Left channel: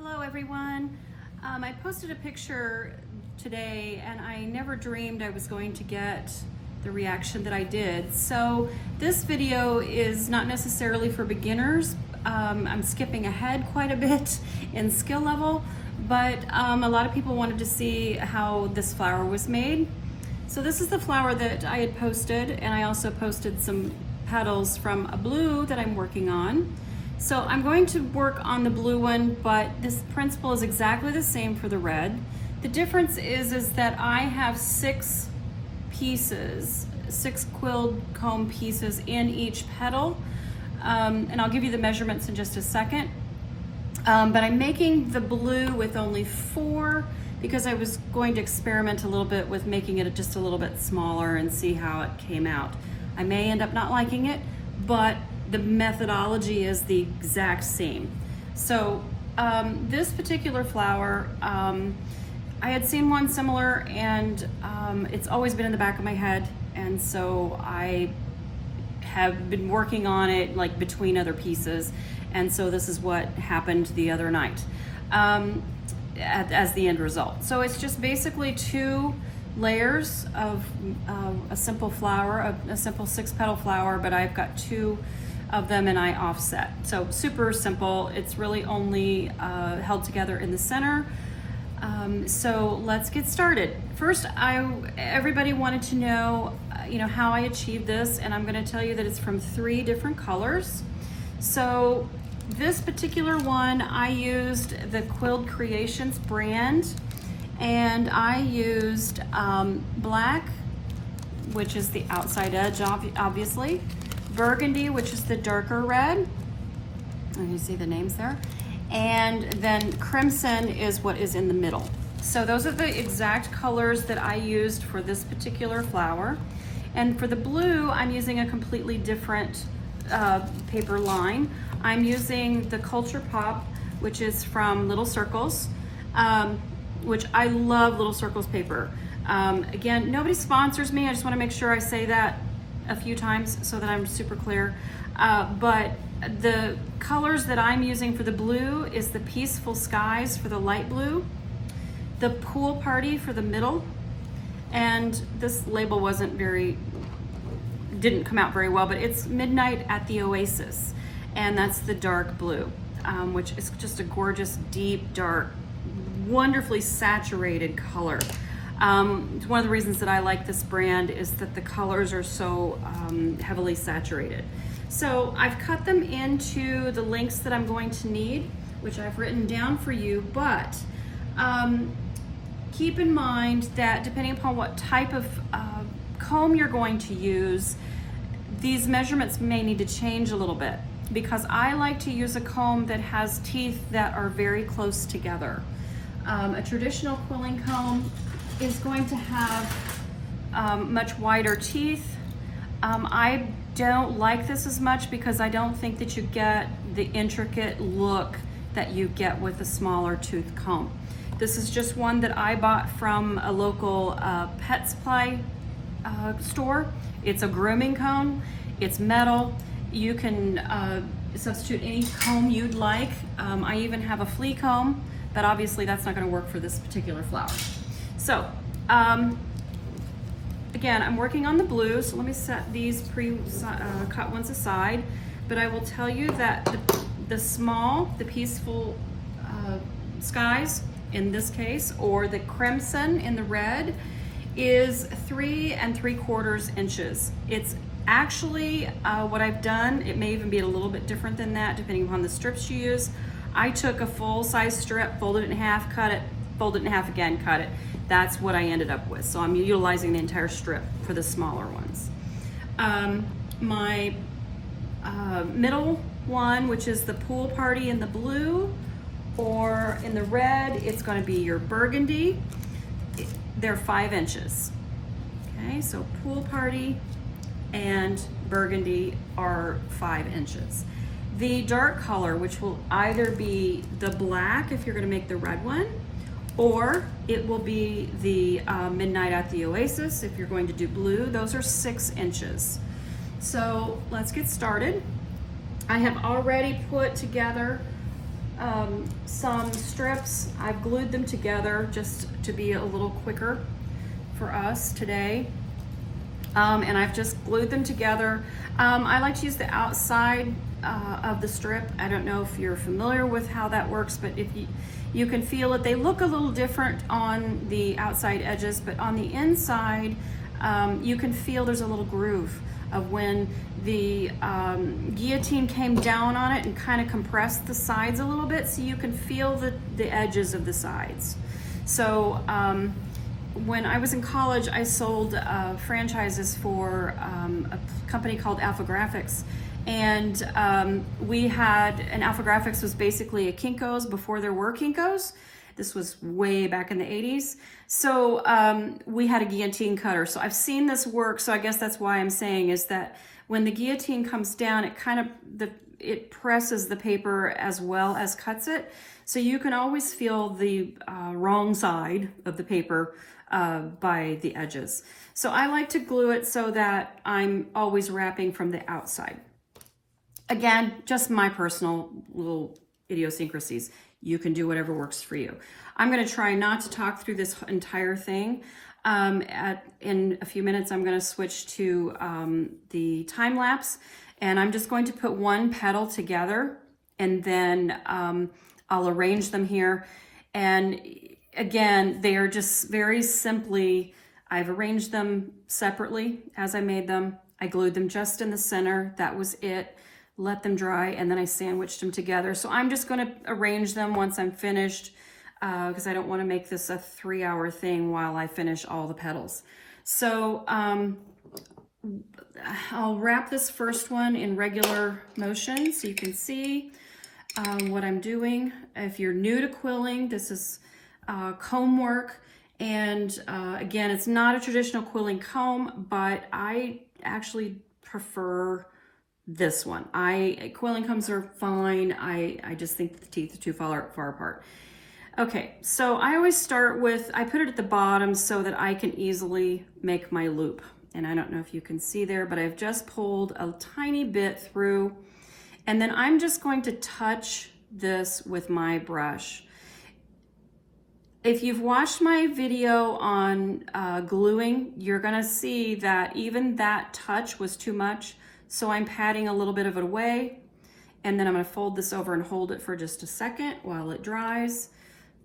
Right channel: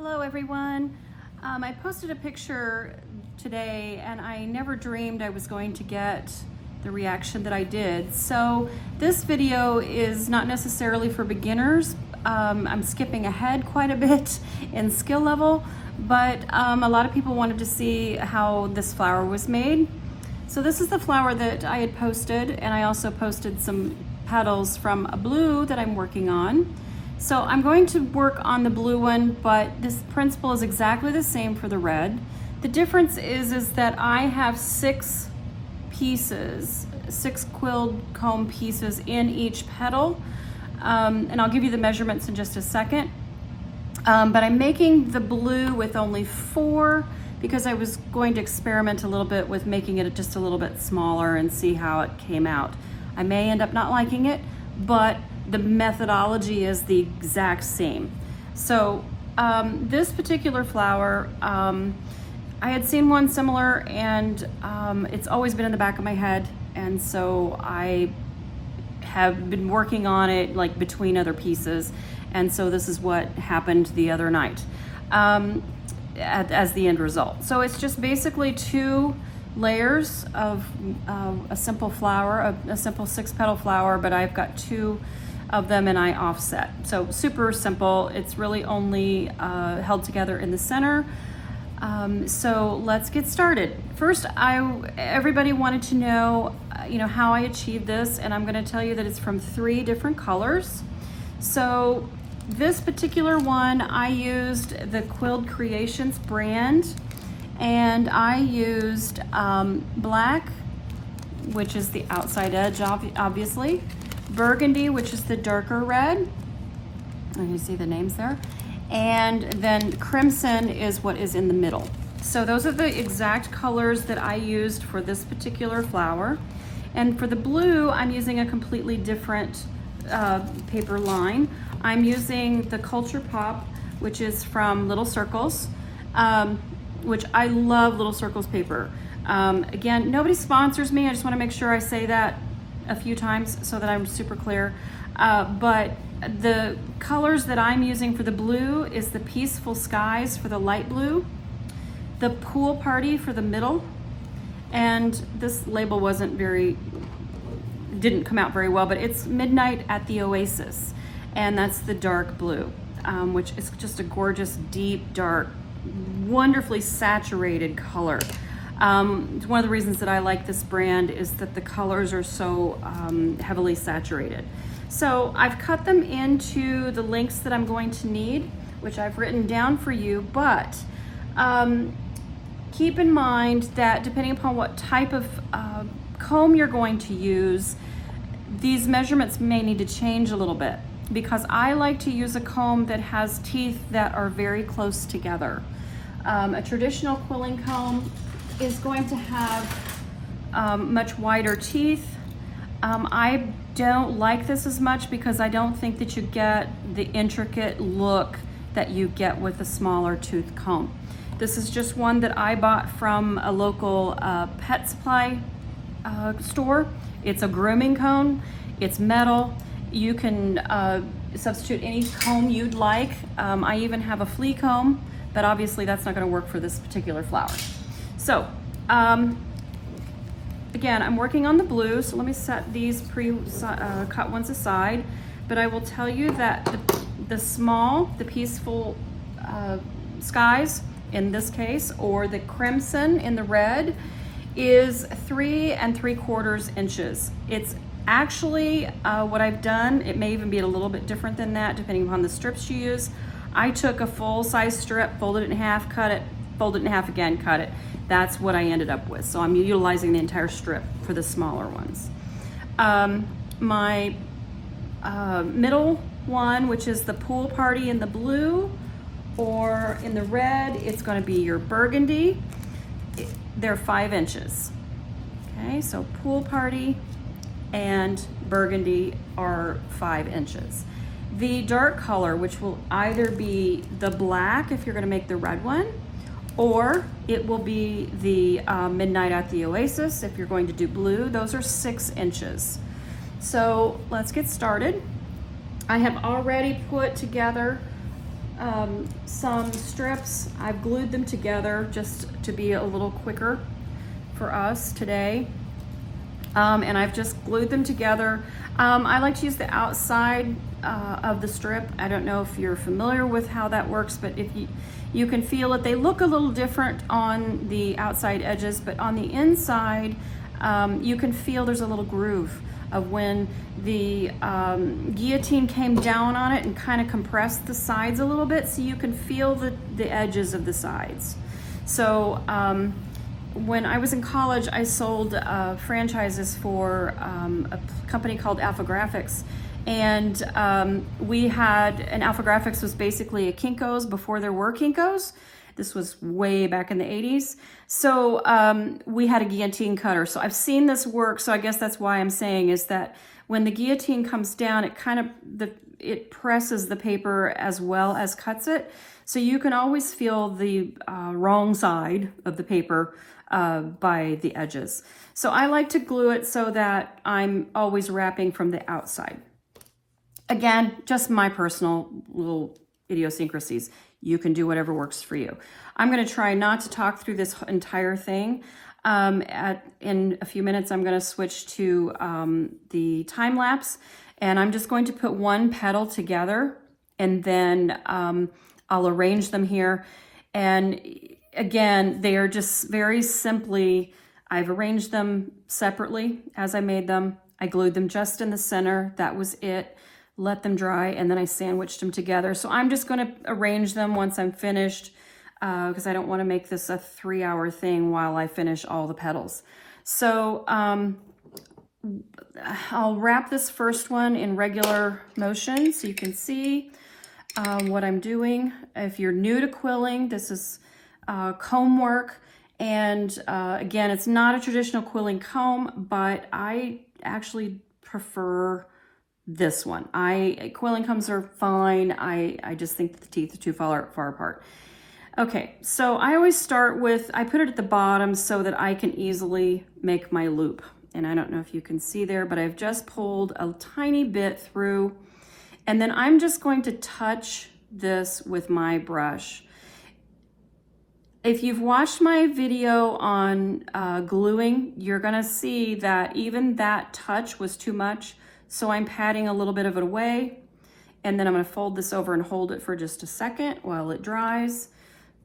Hello everyone. I posted a picture today and I never dreamed I was going to get the reaction that I did. So this video is not necessarily for beginners. I'm skipping ahead quite a bit in skill level, but a lot of people wanted to see how this flower was made. So this is the flower that I had posted, and I also posted some petals from a blue that I'm working on. So I'm going to work on the blue one, but this principle is exactly the same for the red. The difference is that I have 6 pieces, 6 quilled comb pieces in each petal. And I'll give you the measurements in just a second. But I'm making the blue with only 4 because I was going to experiment a little bit with making it just a little bit smaller and see how it came out. I may end up not liking it, but the methodology is the exact same. So this particular flower, I had seen one similar, and it's always been in the back of my head, and so I have been working on it like between other pieces, and so this is what happened the other night as the end result. So it's just basically 2 layers of a simple flower, a simple 6-petal flower, but I've got 2 of them and I offset. So super simple. It's really only held together in the center. So let's get started. First, everybody wanted to know, how I achieved this, and I'm going to tell you that it's from 3 different colors. So this particular one, I used the Quilled Creations brand, and I used black, which is the outside edge, obviously, burgundy, which is the darker red, and you see the names there, and then crimson is what is in the middle. So those are the exact colors that I used for this particular flower. And for the blue, I'm using a completely different paper line. I'm using the Culture Pop, which is from Little Circles, which I love Little Circles paper. Again, nobody sponsors me. I just want to make sure I say that a few times so that I'm super clear. But the colors that I'm using for the blue is the Peaceful Skies for the light blue, the Pool Party for the middle, and this label didn't come out very well, but it's Midnight at the Oasis, and that's the dark blue, which is just a gorgeous, deep, dark, wonderfully saturated color. One of the reasons that I like this brand is that the colors are so heavily saturated. So I've cut them into the lengths that I'm going to need, which I've written down for you, but keep in mind that depending upon what type of comb you're going to use, these measurements may need to change a little bit, because I like to use a comb that has teeth that are very close together. A traditional quilling comb is going to have much wider teeth. I don't like this as much because I don't think that you get the intricate look that you get with a smaller tooth comb. This is just one that I bought from a local pet supply store. It's a grooming comb. It's metal. You can substitute any comb you'd like. I even have a flea comb, but obviously that's not going to work for this particular flower. So again, I'm working on the blue, so let me set these cut ones aside. But I will tell you that the Peaceful Skies in this case, or the crimson in the red, is 3 3/4 inches. It's actually what I've done, it may even be a little bit different than that depending upon the strips you use. I took a full-size strip, folded it in half, cut it, folded it in half again, cut it. That's what I ended up with. So I'm utilizing the entire strip for the smaller ones. My middle one, which is the Pool Party in the blue, or in the red, it's going to be your burgundy. They're 5 inches. Okay, so Pool Party and burgundy are 5 inches. The dark color, which will either be the black if you're going to make the red one, or it will be the Midnight at the Oasis if you're going to do blue. Those are 6 inches. So let's get started. I have already put together some strips. I've glued them together just to be a little quicker for us today. And I've just glued them together. I like to use the outside of the strip. I don't know if you're familiar with how that works, but if you can feel it. They look a little different on the outside edges, but on the inside, you can feel there's a little groove of when the guillotine came down on it and kind of compressed the sides a little bit, so you can feel the edges of the sides. So when I was in college, I sold franchises for a company called Alpha Graphics. And we had, and Alpha Graphics was basically a Kinko's before there were Kinko's. This was way back in the 80s. So we had a guillotine cutter. So I've seen this work. So I guess that's why I'm saying is that when the guillotine comes down, it kind of, it presses the paper as well as cuts it. So you can always feel the wrong side of the paper by the edges. So I like to glue it so that I'm always wrapping from the outside. Again, just my personal little idiosyncrasies. You can do whatever works for you. I'm going to try not to talk through this entire thing. In a few minutes, I'm going to switch to the time lapse, and I'm just going to put one petal together, and then I'll arrange them here. And again, they are just very simply, I've arranged them separately as I made them. I glued them just in the center. That was it. Let them dry, and then I sandwiched them together. So I'm just going to arrange them once I'm finished, because I don't want to make this a 3-hour thing while I finish all the petals. So I'll wrap this first one in regular motion so you can see what I'm doing. If you're new to quilling, this is comb work. And again, it's not a traditional quilling comb, but I actually prefer this one. Quilling combs are fine. I just think that the teeth are too far apart. Okay, so I always start with, I put it at the bottom so that I can easily make my loop. And I don't know if you can see there, but I've just pulled a tiny bit through. And then I'm just going to touch this with my brush. If you've watched my video on gluing, you're gonna see that even that touch was too much. So I'm patting a little bit of it away, and then I'm going to fold this over and hold it for just a second while it dries.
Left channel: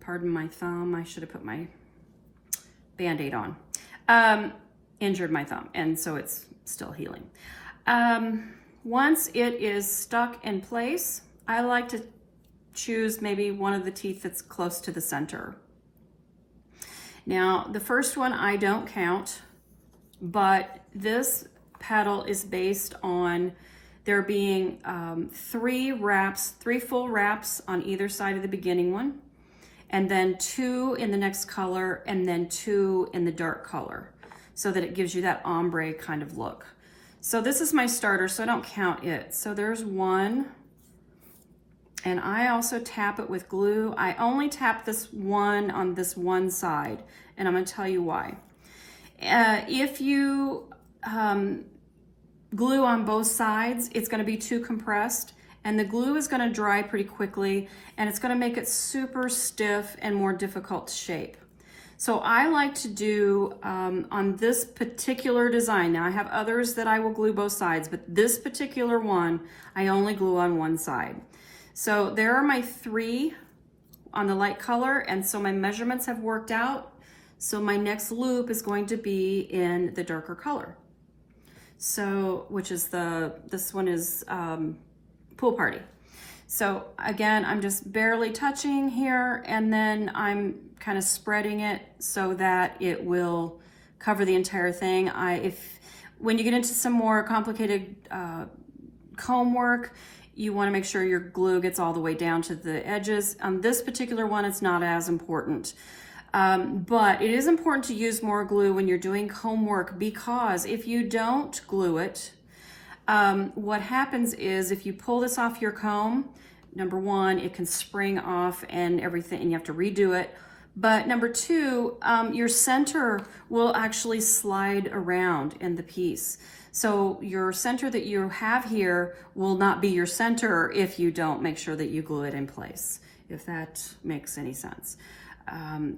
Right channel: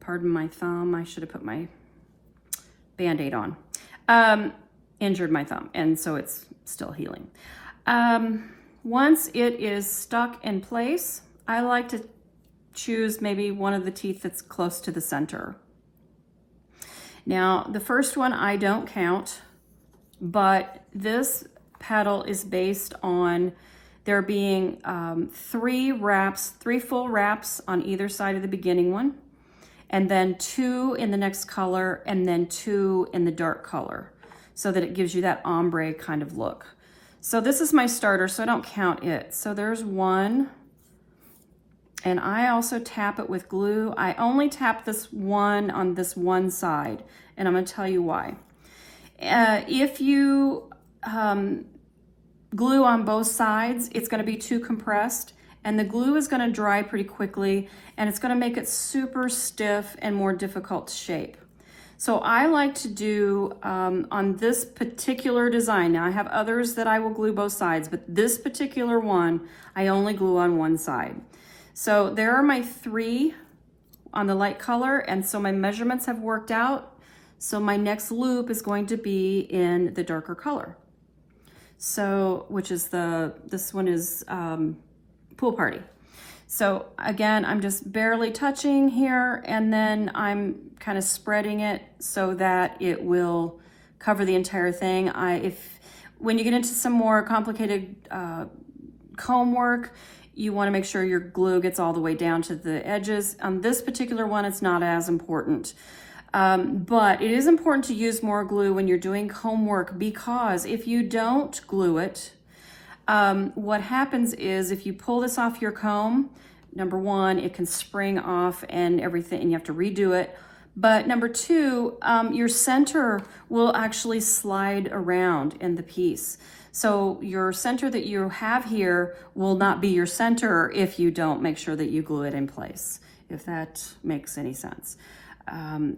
Pardon my thumb, I should have put my Band-Aid on. Injured my thumb, and so it's still healing. Once it is stuck in place, I like to choose maybe one of the teeth that's close to the center. Now, the first one I don't count, but this petal is based on there being 3 full wraps on either side of the beginning one, and then 2 in the next color, and then 2 in the dark color, so that it gives you that ombre kind of look. So this is my starter, so I don't count it. So there's 1, and I also tap it with glue. I only tap this one on this one side, and I'm going to tell you why. If you glue on both sides, it's going to be too compressed, and the glue is going to dry pretty quickly, and it's going to make it super stiff and more difficult to shape. So I like to do on this particular design, now I have others that I will glue both sides, but this particular one I only glue on one side. So there are my 3 on the light color, and so my measurements have worked out. So my next loop is going to be in the darker color. So, which is this one is Pool Party. So again, I'm just barely touching here, and then I'm kind of spreading it so that it will cover the entire thing. When you get into some more complicated comb work, you want to make sure your glue gets all the way down to the edges. On this particular one, it's not as important. But it is important to use more glue when you're doing comb work, because if you don't glue it, what happens is if you pull this off your comb, number 1, it can spring off and everything, and you have to redo it. But number 2, your center will actually slide around in the piece. So your center that you have here will not be your center if you don't make sure that you glue it in place, if that makes any sense.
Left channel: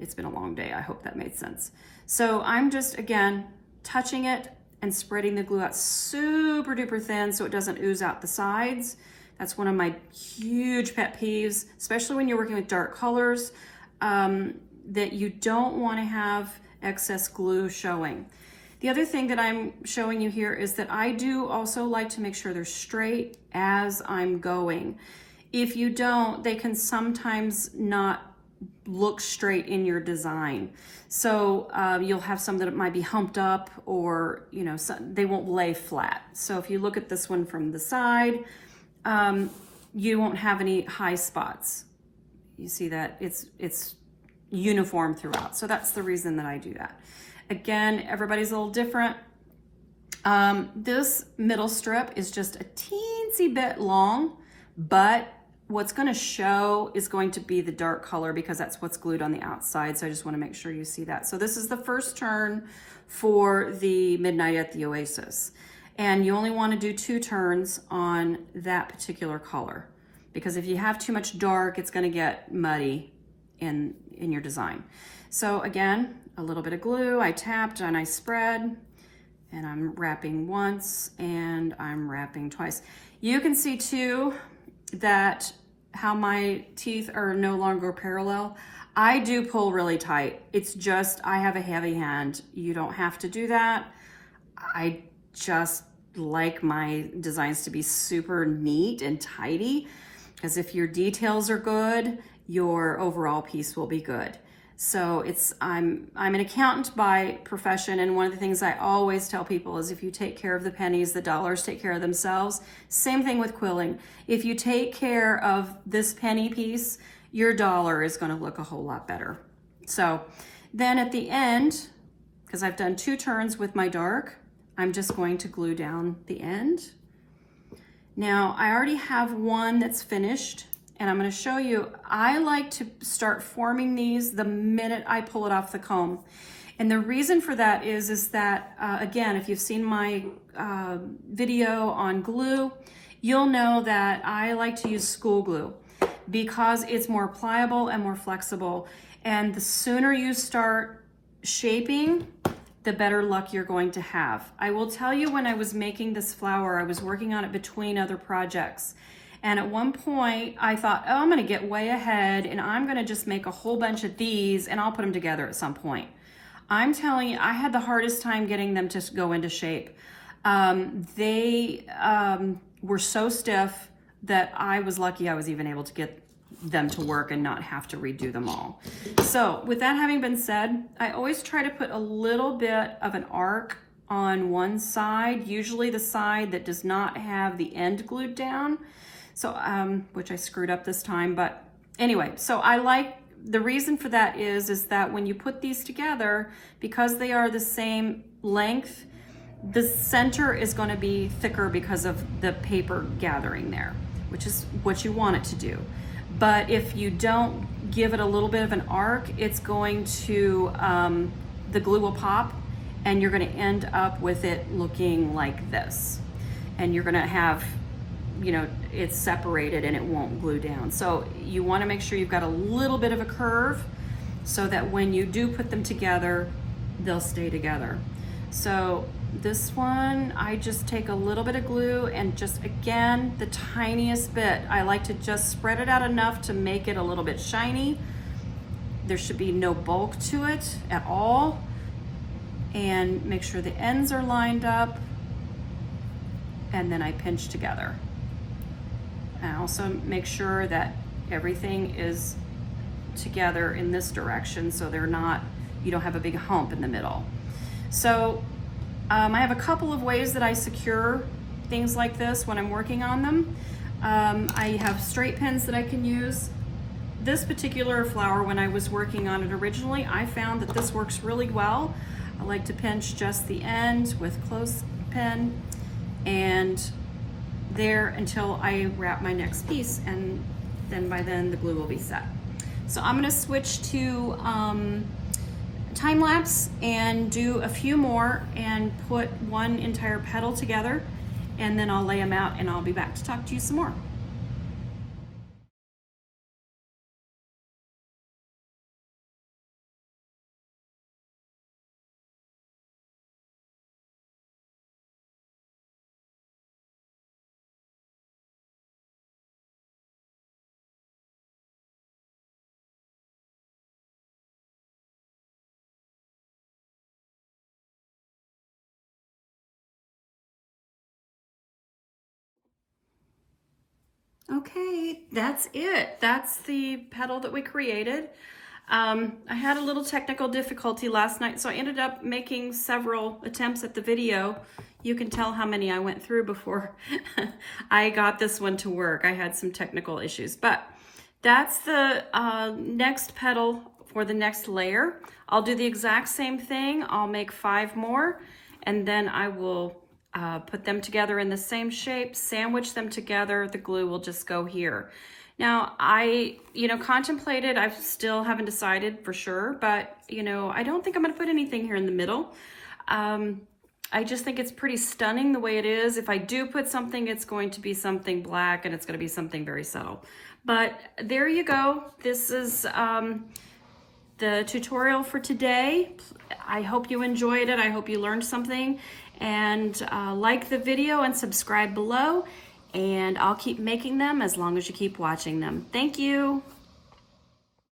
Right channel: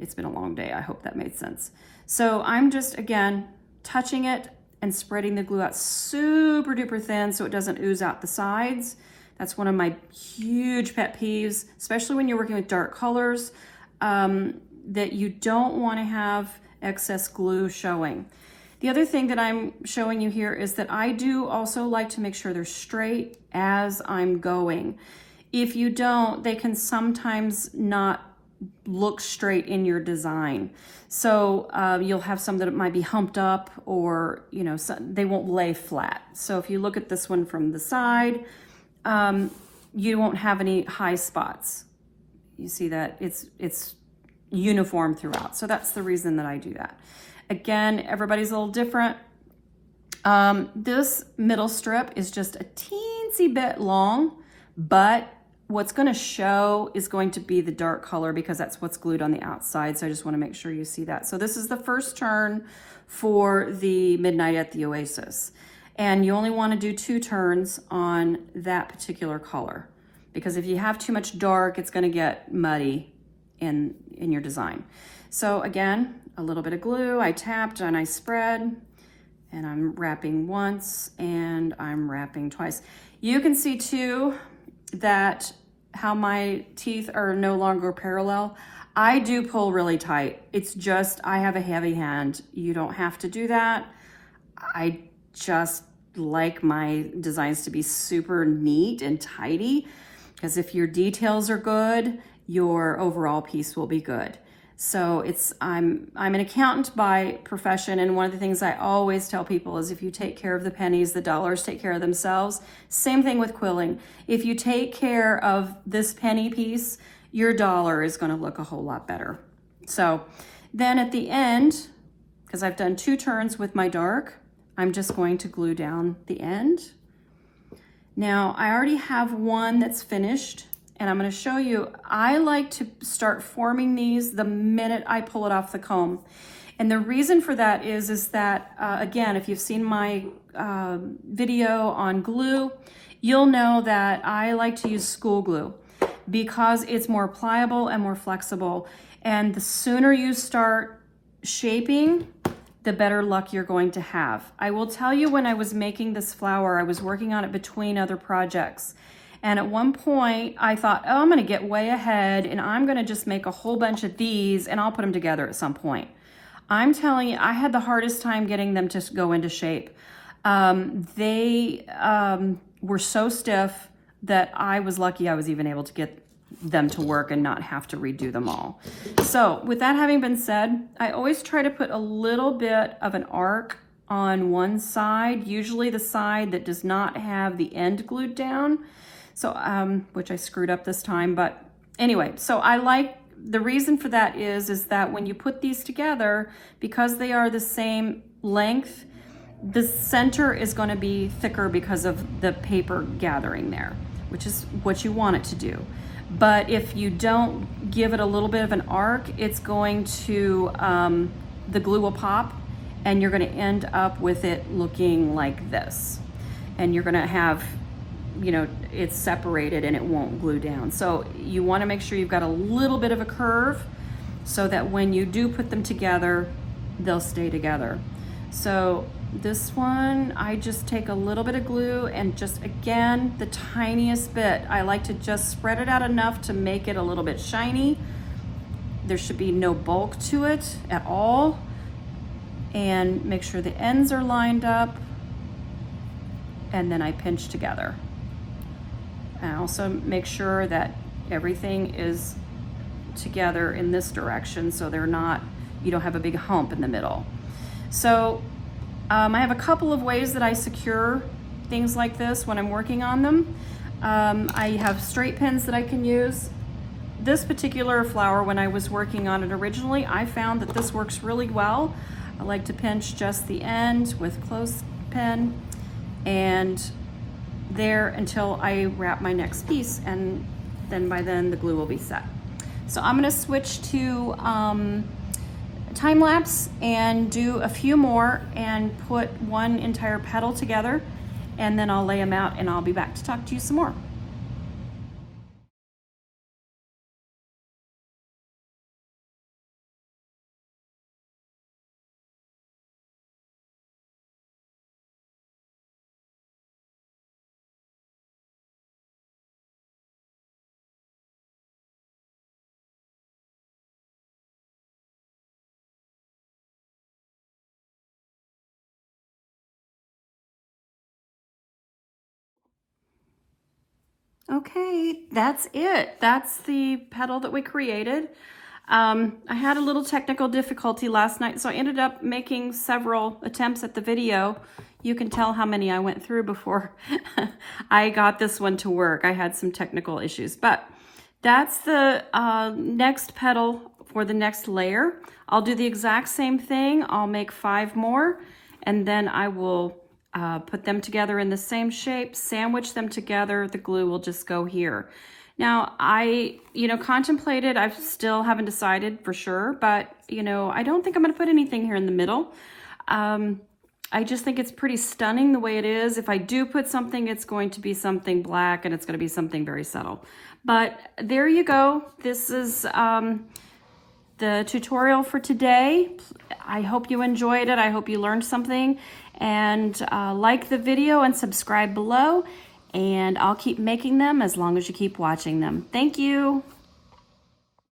It's been a long day. I hope that made sense. So I'm just, again, touching it and spreading the glue out super duper thin so it doesn't ooze out the sides. That's one of my huge pet peeves, especially when you're working with dark colors, that you don't want to have excess glue showing. The other thing that I'm showing you here is that I do also like to make sure they're straight as I'm going. If you don't, they can sometimes not look straight in your design. So you'll have some that might be humped up, or they won't lay flat. So if you look at this one from the side, you won't have any high spots. You see that it's uniform throughout. So that's the reason that I do that. Again, everybody's a little different. This middle strip is just a teensy bit long, but what's going to show is going to be the dark color because that's what's glued on the outside. So I just want to make sure you see that. So this is the first turn for the Midnight at the Oasis. And you only want to do 2 turns on that particular color, because if you have too much dark, it's going to get muddy in your design. So again, a little bit of glue, I tapped and I spread, and I'm wrapping once and I'm wrapping twice. You can see too that how my teeth are no longer parallel. I do pull really tight. It's just, I have a heavy hand. You don't have to do that. I just like my designs to be super neat and tidy, because if your details are good, your overall piece will be good. So I'm an accountant by profession, and one of the things I always tell people is if you take care of the pennies, the dollars take care of themselves. Same thing with quilling. If you take care of this penny piece, your dollar is going to look a whole lot better. So then at the end, because I've done 2 turns with my dark, I'm just going to glue down the end. Now I already have one that's finished, and I'm going to show you, I like to start forming these the minute I pull it off the comb. And the reason for that is that, again, if you've seen my video on glue, you'll know that I like to use school glue because it's more pliable and more flexible. And the sooner you start shaping, the better luck you're going to have. I will tell you, when I was making this flower, I was working on it between other projects. And at one point I thought, oh, I'm gonna get way ahead and I'm gonna just make a whole bunch of these and I'll put them together at some point. I'm telling you, I had the hardest time getting them to go into shape. They were so stiff that I was lucky I was even able to get them to work and not have to redo them all. So with that having been said, I always try to put a little bit of an arc on one side, usually the side that does not have the end glued down. So, which I screwed up this time, but anyway, so I like, the reason for that is that when you put these together, because they are the same length, the center is going to be thicker because of the paper gathering there, which is what you want it to do. But if you don't give it a little bit of an arc, it's going to, the glue will pop and you're going to end up with it looking like this. And you're going to have, it's separated and it won't glue down. So you want to make sure you've got a little bit of a curve so that when you do put them together, they'll stay together. So this one, I just take a little bit of glue and just, again, the tiniest bit. I like to just spread it out enough to make it a little bit shiny. There should be no bulk to it at all. And make sure the ends are lined up. And then I pinch together. And also make sure that everything is together in this direction so they're not, you don't have a big hump in the middle. So I have a couple of ways that I secure things like this when I'm working on them. I have straight pins that I can use. This particular flower, when I was working on it originally, I found that this works really well. I like to pinch just the end with clothespin and there until I wrap my next piece, and then by then the glue will be set. So I'm going to switch to time lapse and do a few more and put one entire petal together, and then I'll lay them out and I'll be back to talk to you some more. Okay, that's it. That's the petal that we created. I had a little technical difficulty last night, so I ended up making several attempts at the video. You can tell how many I went through before I got this one to work. I had some technical issues, but that's the next petal for the next layer. I'll do the exact same thing. I'll make 5 more, and then I will put them together in the same shape, sandwich them together. The glue will just go here. Now, I contemplated, I still haven't decided for sure, but, I don't think I'm going to put anything here in the middle. I just think it's pretty stunning the way it is. If I do put something, it's going to be something black and it's going to be something very subtle. But there you go. This is the tutorial for today. I hope you enjoyed it. I hope you learned something. And like the video and subscribe below. And I'll keep making them as long as you keep watching them. Thank you.